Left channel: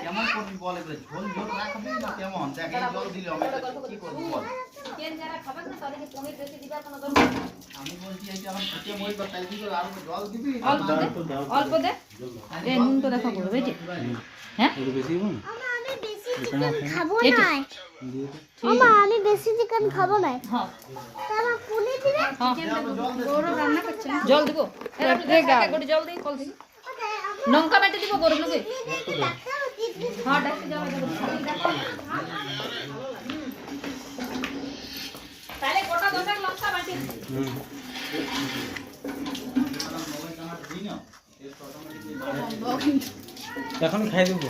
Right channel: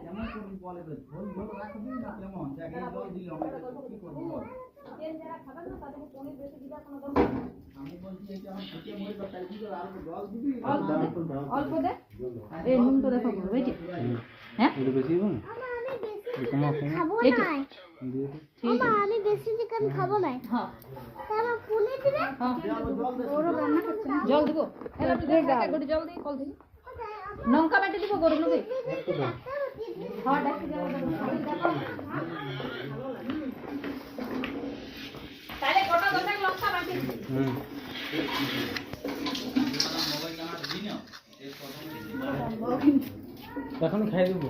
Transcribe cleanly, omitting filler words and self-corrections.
কেমন করবি বলে ঝোল ঝোল রাখবি না কেমন দেখ এই জল দিলে আমি কি করব বল কেন যারা খাবেন না তাদেরকে পনির বেশি দিবার কোনো দরকার নেই আমি বলছি এই যে আমার খেতে মই বা তাই দিলে আর জল দিবি অল্প দে এই নুন তো দেখো বলবে যে হ্যাঁ একটু বেশি দিবো আমি বেশি চিকেন খাবো না হ্যাঁ তাহলে পুলি দিবে ওর রান্না করছে জল দিব একটু জল দিই কল দিই লঙ্কা বেটে দিব গরম লগে হ্যাঁ ডাকতে যাও তাহলে গোটা গোটা লঙ্কা বেটে এখন খাই দেবো